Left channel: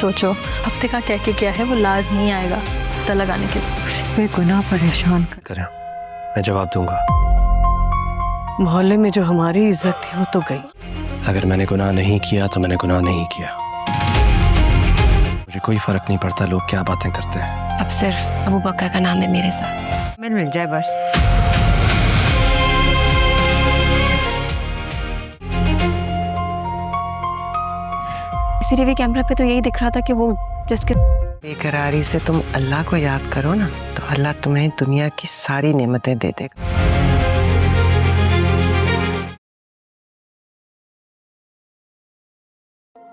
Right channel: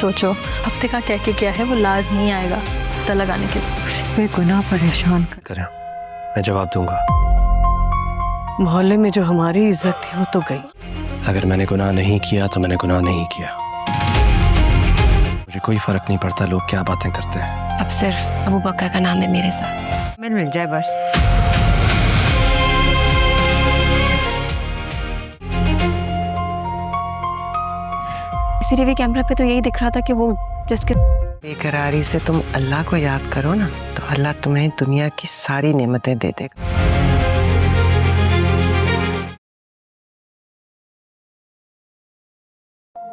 सोचो हफ्ते का कह के क्या है, वो लाजमी आएगा पता लगाने के लिए। उसे बेगुनाह परेशान करें, मैं जवाब दूंगा। मोहल्ले में जो हमारी इज्जत थी वो तो गई। अगर मैंने गुनाह नहीं किया तो मैंने गुनाह नहीं किया। मुझे कोई फर्क नहीं पड़ता लोग क्या बातें करते हैं। अब सिर्फ अबू बकर का नाम है मेरे साथ। मिल जाए बस। सीसीटीवी कैमरा पे तो यही दिख रहा था कि वो जिसके बेकरारी से तुम अल्लाह को याद करो ना, तो अल्लाह तुम्हें दुनिया की सारी नेमतें दे देगा।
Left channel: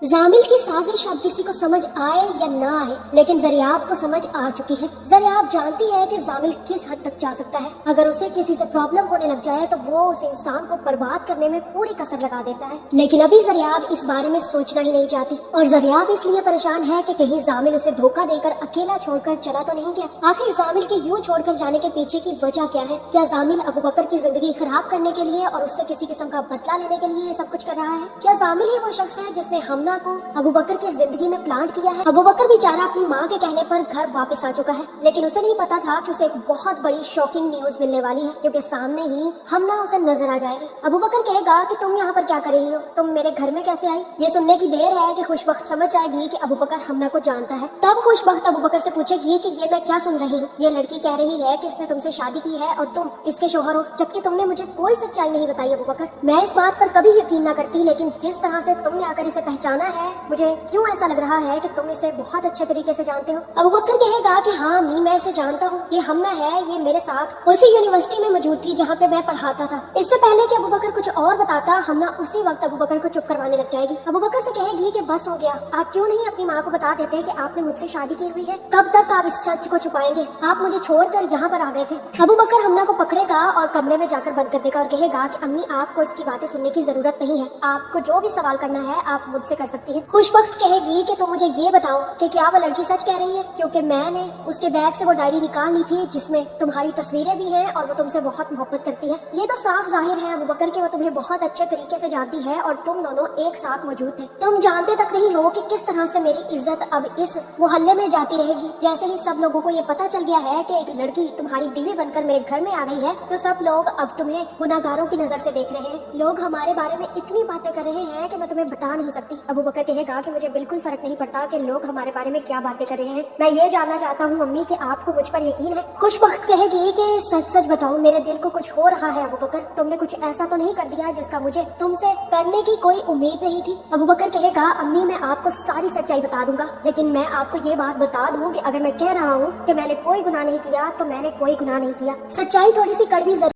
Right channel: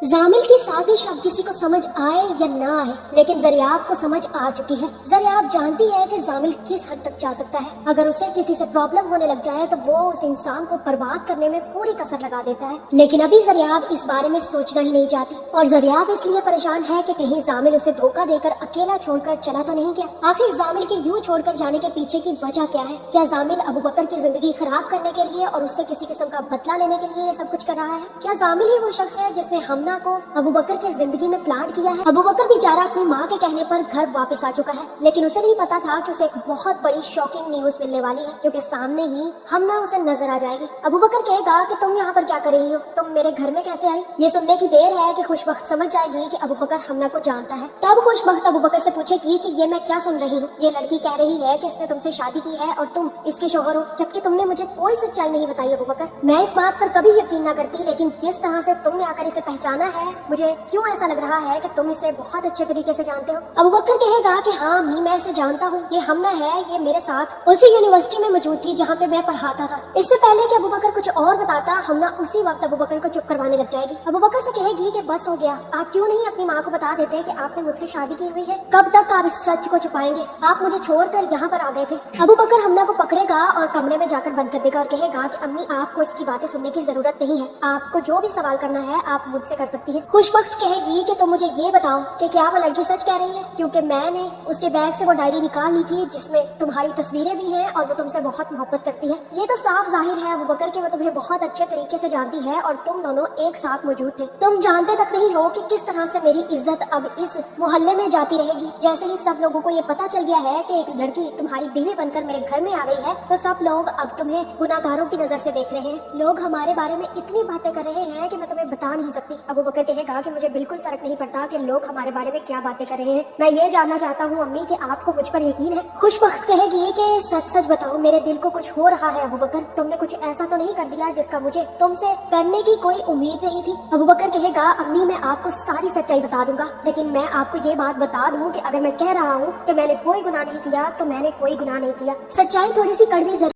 जामिल की साजिश अब किसी को समझ आए या ना आए, लेकिन जरियाब को समझ आ चुकी है। जरियाब जानती है कि जामिल किस हद तक जा सकता है। अगर उसे किसी से प्रॉब्लम होने लग जाए तो वो उस इंसान को बर्बाद करने में पूरी कसर लगा देता है। लेकिन अभी जरियाब इस बारे में सोचना ही नहीं चाहती, और जरियाब इसलिए परेशान है कि कहीं जामिल उसे धोखा देकर अकेला छोड़कर चला तो नहीं गया। आखिर जामिल के यूं छोड़कर जाने के पीछे की वजह क्या है? क्या जामिल अबू बकर की जिंदगी खराब करने के लिए और उससे किसी किस्म का बदला लेने के लिए ये सब कुछ कर रहा है? क्या जामिल ही वो शख्स है जिसने हमना को अबू बकर की जिंदगी में प्लांट किया है? अबू बकर बेचारा अपनी माँ के कहने पर घर वापस आ चुका है, लेकिन उसे नहीं पता था कि उसे एक बहुत बड़ी शॉकिंग न्यूज मिलने वाली है, क्योंकि सामने ही हमना उसे नजर आ जाएगी। अबू बकर कहेगा कि तुम यहाँ पर क्या कर रही हो, तुम मेरे घर में कैसे आई? ये सुनने की देर है कि खुशबख्त समझ जाएगी कि अबू बकर हमना को जानता है। तब खुशबख्त अबू बकर से पूछेगी कि ये मैं क्या सुन रही हूँ? ये लड़की कह रही है कि इसने तुमसे शादी की है और तुम इसके शौहर हो, जबकि तुमने मुझे कोई सच्चाई नहीं बताई। अबू बकर, मैं इस बात पर कभी यकीन न करती, लेकिन जिस तरह से तुमने आकर इसे पहचाना है, मुझे क्यों ऐसा लग रहा है कि तुम इसे बहुत अच्छे तरीके से जानते हो। अबू बकर कहेगा कि हाँ अम्मी, मैं इसे जानता हूँ, ये हमना है, ये मेरे साथ उसी यूनिवर्सिटी में मौजूद थी जहाँ पे मैं पढ़ाता था। इससे पहले कि अबू बकर कुछ और बताता, हमना उसी वक्त अबू बकर को चुप करवाने लग जाएगी। अबू बकर से कहेगी कि बस हो गया, आप क्यों नहीं अपनी माँ को बता देते कि आपने मुझसे शादी की हुई है? कब तक आप इस सच को छुपाएंगे? आप मुझे छोड़कर यहाँ पर आ गए थे। अबू बकर हमना को पकड़ेगा और कमरे में जाकर बंद कर देगा और कहेगा कि अम्मी, आपको इसकी बातें सुनने की जरूरत नहीं है, आपको जो भी सवाल करना है आप मुझसे कर सकती है। खुशबख्त कहेगी कि तुम मुझे ये बताओ कि क्या वो लड़की सच कह रही है, क्योंकि मैंने उसके बैग से वो डायरी निकाल ली थी जिसमें तुम्हारी तस्वीरें भी हैं और वो तुमसे बहुत मोहब्बत करती है। ये तो साफ जाहिर है अबू बकर कि वो तुम्हें बहुत अच्छे तरीके से जानती है और तुम दोनों एक साथ मौजूद थे। तुम जानते तक नहीं हो कि किस तरह से मेरी इज्जत अब इस मोहल्ले में जाती रहेगी। जैसे ही सब लोगों को ये पता चल गया है कि एक लड़की तुम्हारी बीवी बनकर मेरे घर में आ गई है, तो सब लोग अब तुम्हें गुनाहगारों की नजर से देख रहे हैं। लोग हमारे बारे में इतनी बातें कर रहे हैं कि मैं तुम्हें बता नहीं सकती। अबू बकर कहेगा कि मुझे बिल्कुल फर्क नहीं पड़ता कि लोग हमारे बारे में क्या बातें कर रहे हैं, मैं ये जानना चाहता हूँ अम्मी कि आपको मुझ पर यकीन है। खुशबख्त कहेगी कि सच सच बताओ, मेरे दिल को कुछ हो रहा है अबू बकर, तुमने कुछ ऐसा तो नहीं कर दिया जिसका मुझे तुमसे करने की कोई उम्मीद नहीं थी? अबू बकर कहेगा अम्मी, मैं आपको सारी सच्चाई बता दूंगा, लेकिन मैं आपको ये बात बता दूं कि अगर मैं कह रहा हूँ कि मैंने कोई गुनाह नहीं किया तो मैंने कोई गुनाह नहीं किया। सच्चाई थोड़ी सी कड़वी